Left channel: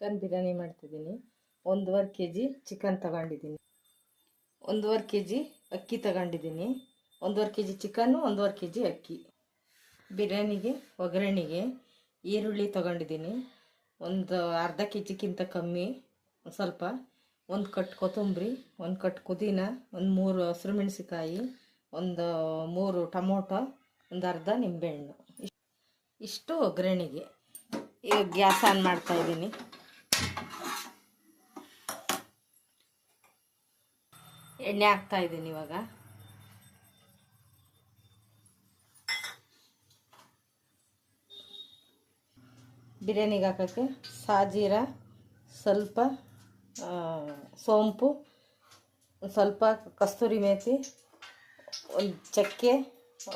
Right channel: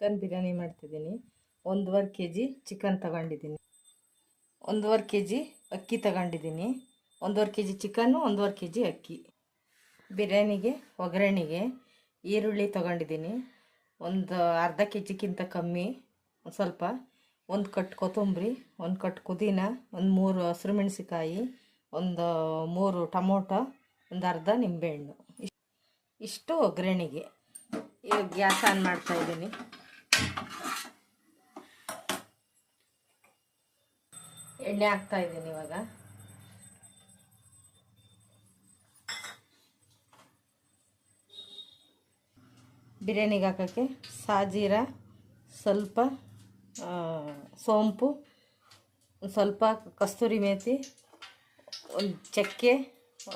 Chicken biryani ಮಾಡ್ತಿದ್ದೀನಿ. 1.5 kg chicken ತಗೊಂಡಿದ್ದೀನಿ, 1.5 kg ಅಕ್ಕಿ ತಗೊಂಡಿದ್ದೀನಿ. 1.5 kg ಚಿಕನ್ನು, 1.5 kg ಅಕ್ಕಿ. ಬಿರಿಯಾನಿಗೆ ಒಗ್ಗರಣೆಗೆ ಈರುಳ್ಳಿ ತಗೊಂಡಿದ್ದೀನಿ, ಒಂದು ಅರ್ಧ kgಕ್ಕಿಂತ ಕಮ್ಮಿ, ಸ್ವಲ್ಪ, 1 ಕಟ್ ಕೊತ್ತಂಬರಿ, 1 ಕಟ್ ಪುದೀನ, ಒಂದು 3 ಹಸಿರು ಮೆಣಸಿಕಾಯಿ, ಒಂದು 3 ಟೊಮೊಟೊ, ಒಂದು ಅರ್ಧ ನಿಂಬೆಹಣ್ಣು. ಇಷ್ಟು ಒಗ್ಗರಣೆಗೆ. ಈಗ ಗ್ಯಾಸ್ ಆನ್ ಮಾಡ್ತಾಯಿದ್ದೀನಿ. ಎಣ್ಣೆ ಹಾಕ್ತಾಯಿದ್ದೀನಿ. ಇವಾಗ ಬಿರಿಯಾನಿಗೆ ಹಾಕೋಕ್ಕೆ ಸಾಜೀರ, ಸ್ವಲ್ಪ ಸೋಂಪು, ಸ್ವಲ್ಪ ಕಸ್ತೂರಿ ಮೇಥಿ, ಒಂದು ಚಕ್ಕೆ,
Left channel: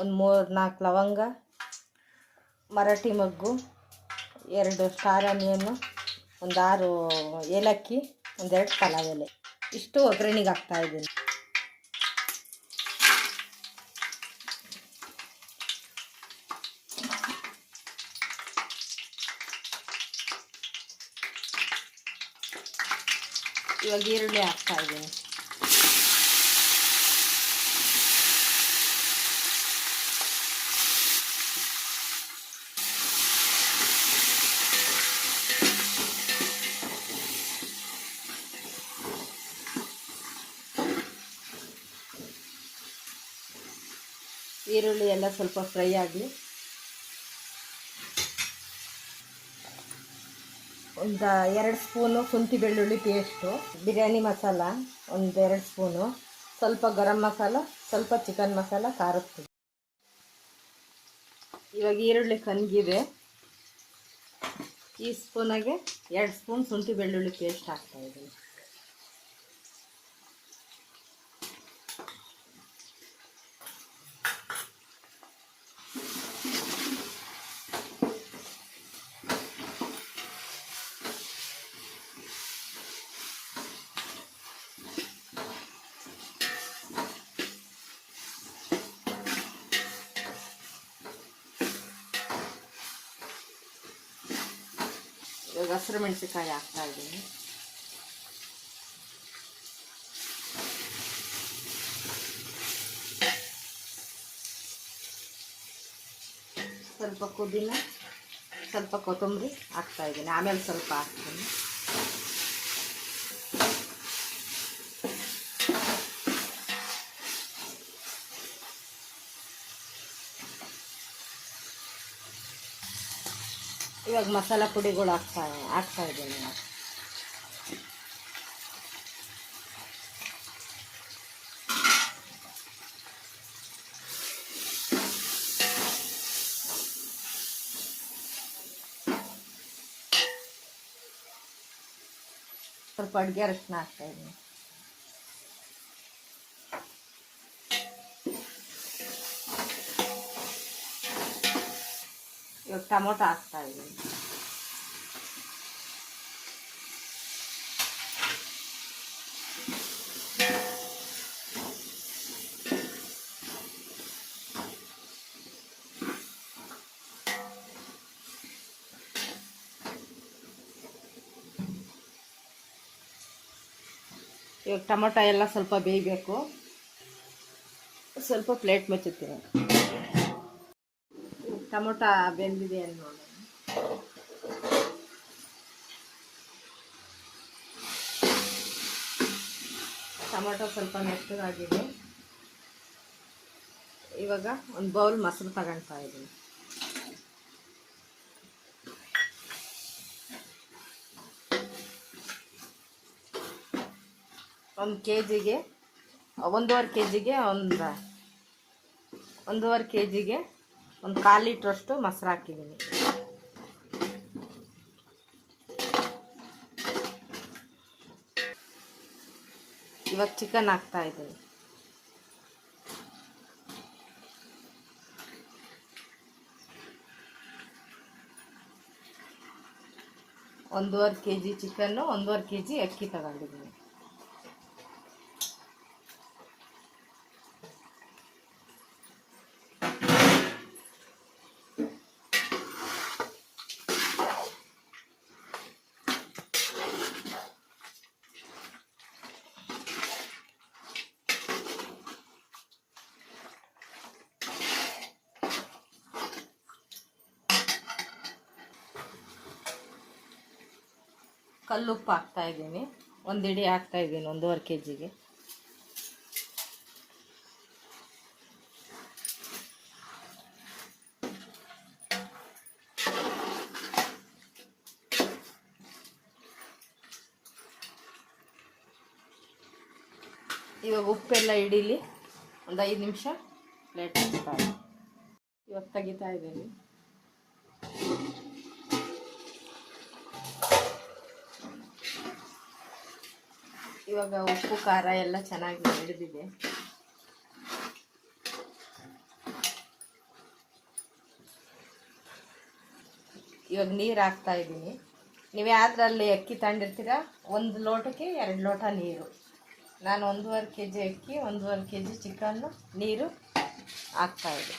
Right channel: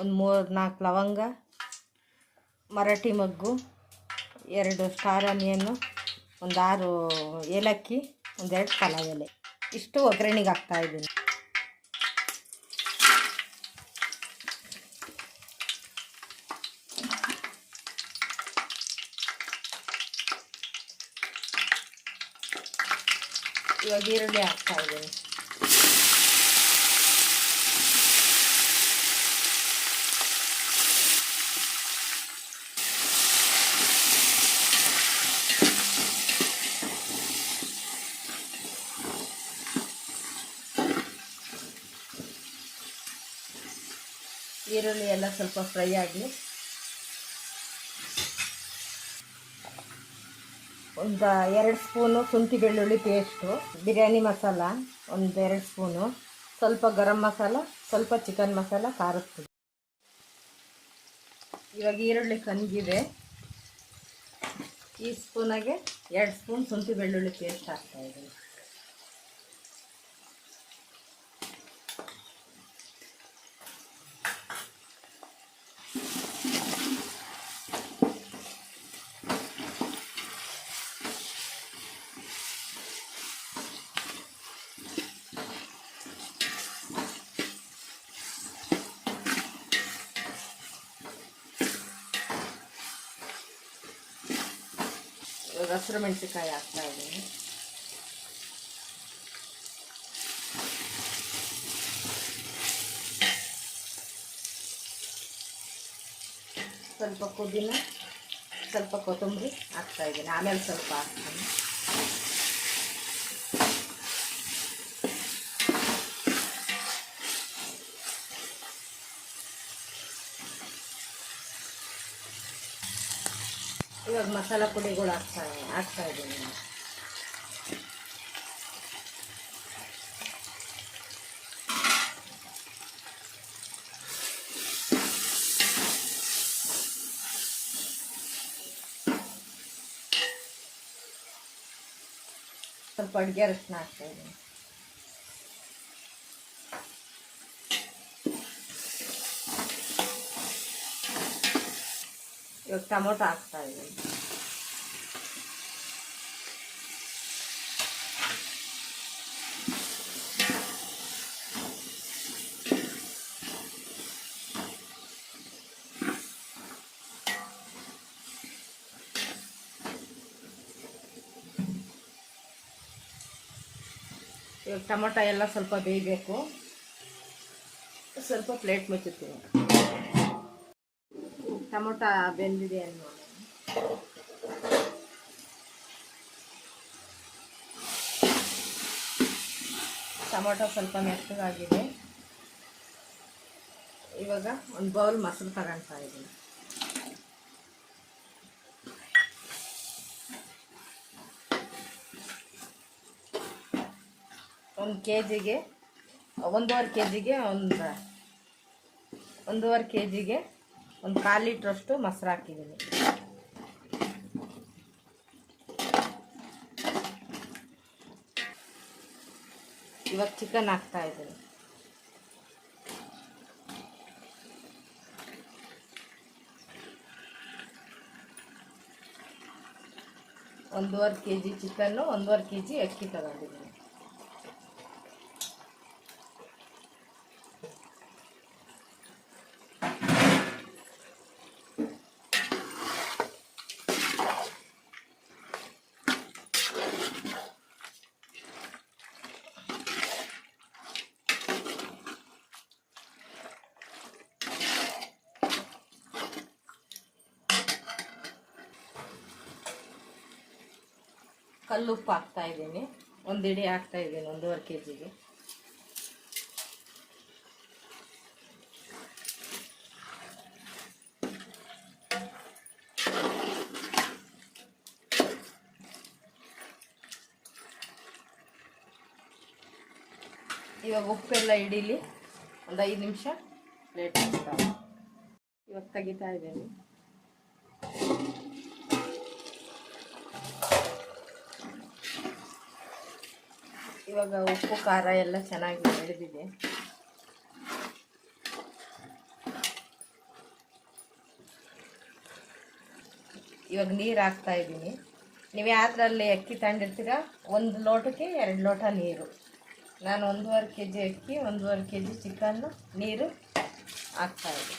ಒಂದು 3-4 ಲವಂಗ, ಮರಾಠಿ ಮೊಗ್ಗು, 2 ಸ್ಟಾರ್ ಆನಿಯನ್ನು, ಒಂದು 6 ಏಲಕ್ಕಿ, 1-2 ಪಲಾವ್ ಎಲೆ. ಇಷ್ಟು ಒಗ್ಗರಣೆಗೆ ಹಾಕ್ತಾಯಿದ್ದೀನಿ. ಇವಾಗ ಈರುಳ್ಳಿ ಹಾಕ್ತಾಯಿದ್ದೀನಿ. ಈರುಳ್ಳಿ ಎಲ್ಲ ಸ್ವಲ್ಪ ಫ್ರೈ ಆಗಲಿ. ಒಂದು 2 ಸ್ಪೂನು ಶುಂಠಿ ಬೆಳ್ಳುಳ್ಳಿ ಪೇಸ್ಟು, ಬಿರಿಯಾನಿ ಮಸಾಲ ಒಂದು 2 ಸ್ಪೂನು, ಸ್ವಲ್ಪ ಗರಂ ಮಸಾಲ, ಸ್ವಲ್ಪ ಚಿಕನ್ ಮಸಾಲ, ಖಾರದ ಪುಡಿ. ಇವಾಗ ಈರುಳ್ಳಿ ಕನ್ಗಿದೆ. ಈ ಸ್ಪೂನಾಗೆ 2 ಸ್ಪೂನ್ ಶುಂಠಿ ಬೆಳ್ಳುಳ್ಳಿ ಪೇಸ್ಟ್ ಹಾಕ್ತಾಯಿದ್ದೀನಿ. ಇವಾಗ ಹಸಿರು ಮೆಣಸಿಕಾಯಿ ಹಾಕ್ತಾಯಿದ್ದೀನಿ. ಸ್ವಲ್ಪ ಪುದೀನ, ಸ್ವಲ್ಪ ಕೊತ್ತಂಬರಿ ಹಾಕ್ತಾಯಿದ್ದೀನಿ. ಆಮೇಲೆ ಸ್ವಲ್ಪ ಹಾಕ್ತೀನಿ. ಇವಾಗ ಮಸಾಲ ಪುಡಿಗಳು ಹಾಕ್ತಾಯಿದ್ದೀನಿ. ಸ್ವಲ್ಪ ಅಡುಗೆ ಅರಿಶಿನ ಹಾಕ್ತಾಯಿದ್ದೀನಿ. ಇವಾಗ ಟೊಮೊಟೊ ಹಾಕ್ತಾಯಿದ್ದೀನಿ. ಇವಾಗ ಟೊಮೊಟೊ ಎಲ್ಲ ಸ್ವಲ್ಪ ಬೇಯಬೇಕು. ಸ್ವಲ್ಪ ಪ್ಲೇಟ್ ಮುಚ್ಚುತ್ತೀನಿ. ಟೊಮೊಟೊ ಬೆಂದಿದೆ ಅಂತ ನೋಡಿ. ಟೊಮೊಟೊ ಸ್ವಲ್ಪ ಮೆತ್ತಗಾಗಿದೆ. ಇವಾಗ ಒಂದು ಬೌಲ್ ಮೊಸರು ತಗೊಳ್ತಾ ಇದ್ದೀನಿ. ಒಂದು ಕೆಜಿಗೆ 1.5 kgಗೆ ಒಂದು 1.5 kgಗೆ ಒಂದು 1/4 ಲೀಟ್ರಷ್ಟು ಮೊಸರು ಹಾಕಿದ್ದೀನಿ. ಇವಾಗ ಚಿಕನ್ ಹಾಕ್ತಾಯಿದ್ದೀನಿ. ಒಂದೂವರೆ kg ಚಿಕನ್ನು, 1.5 kg ಅಕ್ಕಿ ತಗೊಂಡಿದ್ದೀನಿ. ಕಲ್ಲುಪ್ಪು ಹಾಕ್ತಾಯಿದ್ದೀನಿ. ಒಂದು ಇಡಿ ಹಾಕ್ತಾಯಿದ್ದೀನಿ 1.5 kgಗೆ. ಇವಾಗ ಉಪ್ಪೆಲ್ಲ ಹಿಡೀಲಿ, ಒಂದು 5 ನಿಮಿಷ ಪ್ಲೇಟ್ ಹಚ್ತಾರೆ. ಇವಾಗ ತೆಗಿತಾ ಇದ್ದೀನಿ. ಇವಾಗ ಉಪ್ಪು ಖಾರ ಎಲ್ಲ ಚೆನ್ನಾಗಿ ಹಿಡಿದಿದೆ. ಇವಾಗ ನೀರು ಹಾಕ್ತಾ ಇದ್ದೀನಿ. ನೀವು ಯಾವ್ದ್ರಲ್ಲಿ ಅಕ್ಕಿ ತಗೊಂಡಿರ್ತೀರ 1 ಲೋಟಕ್ಕೆ 2 ಲೋಟ ನೀರು. ನಾನು 1.5 kg ಅಕ್ಕಿ 1.5 kg ಚಿಕನ್ನು ನೀರು ಹಾಕ್ತಾಯಿದ್ದೆ.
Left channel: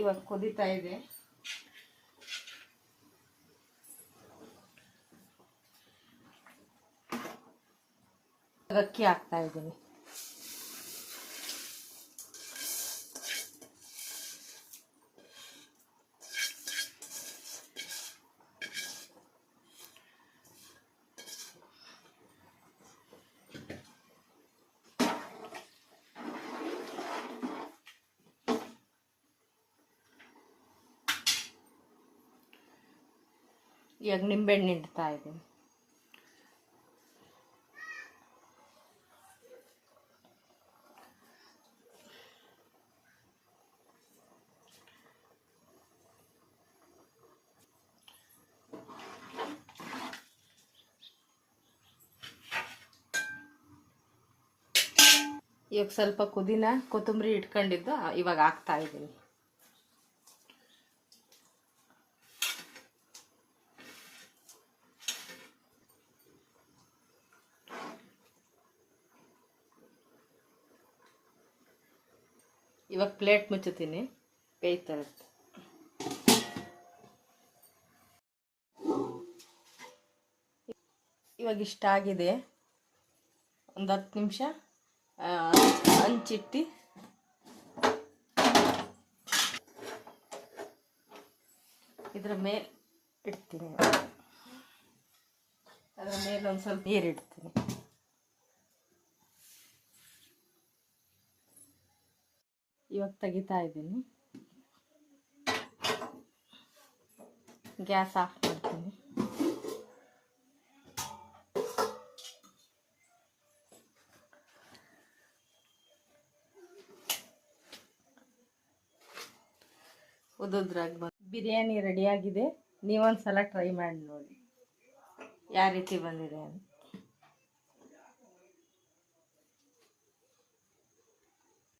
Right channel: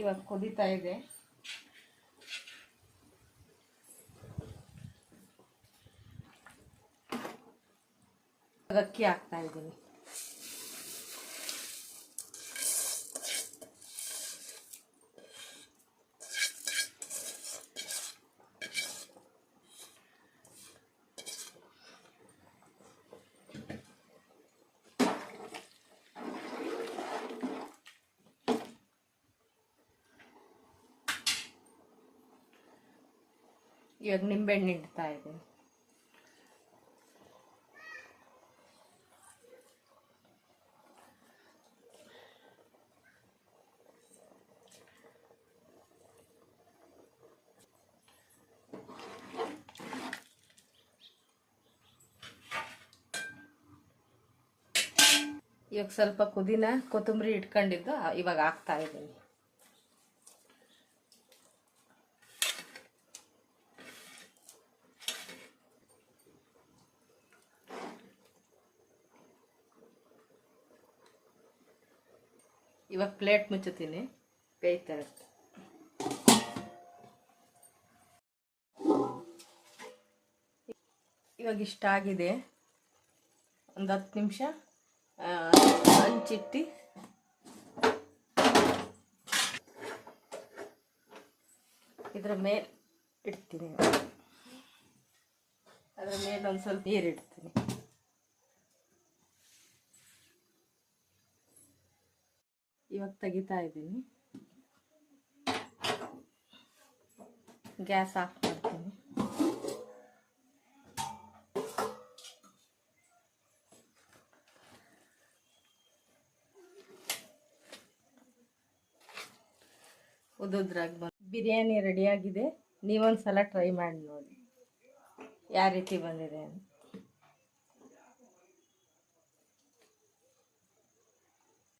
ಇವಾಗ ಕುದೀತಾ ಇದೆ. ಅಕ್ಕಿ ಹಾಕ್ತಾ ಇದ್ದೀನಿ. ಇವಾಗ ನಿಂಬೆಹಣ್ಣು ಇಡ್ತಾ ಇದ್ದೀನಿ. ಇವಾಗ ಸ್ವಲ್ಪ ಪುದೀನ ಕೊತ್ತಂಬರಿ ಇಟ್ಕೊಂಡಿದ್ದು ಇವಾಗ ಹಾಕ್ತಾ ಇದ್ದೀನಿ. ಇವಾಗ ಪ್ಲೇಟ್ ಮುಚ್ಚುತ್ತೀನಿ, ಬೇಯ್ತಾ ಇರುತ್ತೆ. ಇವಾಗ ಇಷ್ಟ ಆಗಿದೆ. ಒಂದು 10 ನಿಮಿಷ ಹಂಚಿಟ್ಟು ಇದರ ಮೇಲೆ ಇಡ್ತೀನಿ. ಅದರ ಮೇಲೆ ಒಂದು ಸ್ವಲ್ಪ ನೀರು ಇಡ್ತೀನಿ. ಇವಾಗ ತೆಗಿತಾ ಇದ್ದೀನಿ. ಗ್ಯಾಸ್ ಆಫ್ ಮಾಡ್ತೀನಿ. ಉದುದ್ರಾಗಿ ಬಿರಿಯಾನಿ ರೆಡಿಯಾಗಿದೆ. ನೀವೊಂದು ಸಲ ಟ್ರೈ ಮಾಡಿ ನೋಡಿ ಯಾವ ರೀತಿ ಬಂದಿದೆ ಅಂತ.